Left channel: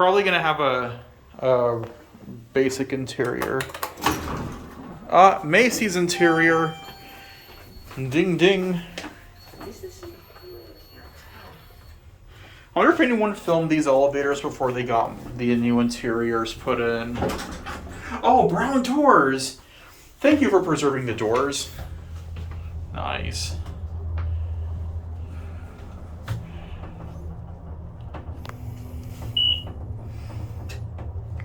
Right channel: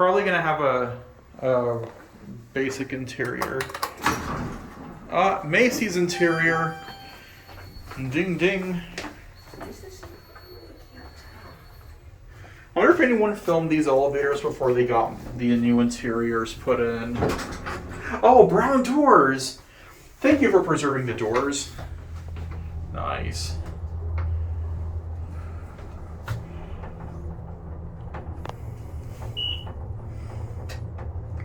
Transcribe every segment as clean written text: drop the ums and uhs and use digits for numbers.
probably gonna have a basic interior. Macy's interior. Ding ding. I wonder if anyone filmed these elevators before they got the new interiors put in. Oh, brown doors! Thank you for preserving the doors. Nice.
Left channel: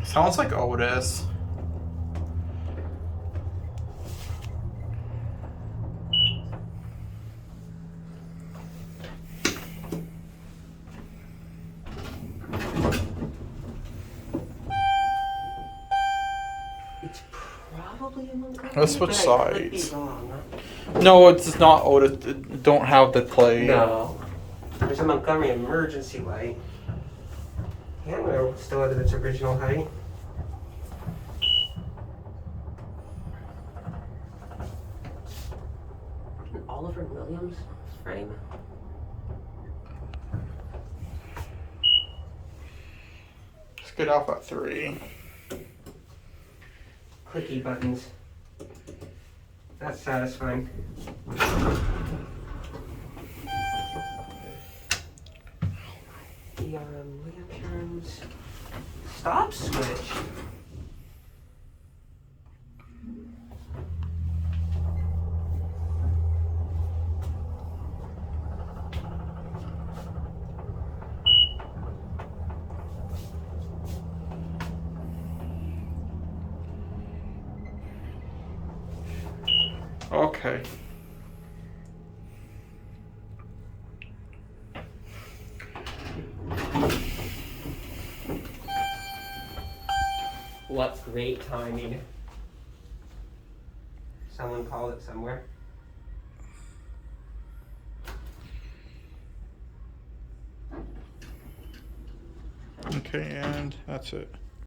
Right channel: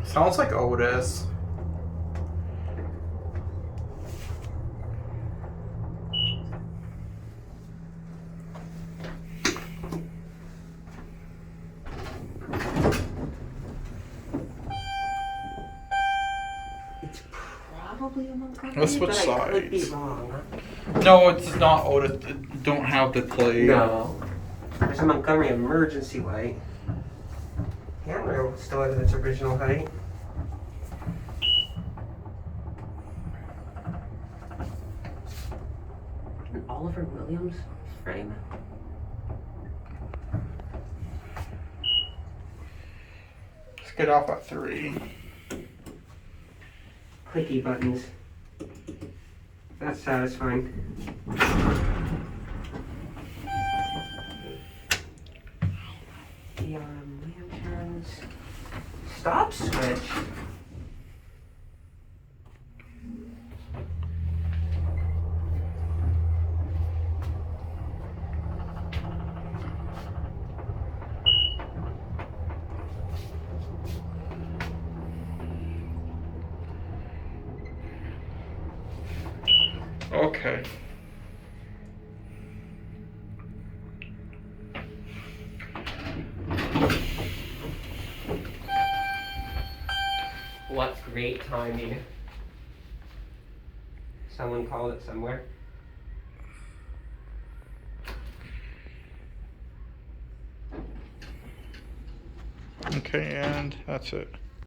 Sounds like Otis. It's probably a Montgomery. Let's switch but I could be sides. wrong. No, it's not Otis. It don't have the clay. No. There's a Montgomery emergency light. Yeah, we're still at its original height. An Oliver Williams frame. Let's get off at 3. Clicky buttons. That's satisfying. The lanterns. Stop switch. Okay. What great timing. Someone called it somewhere. Okay, and that's it.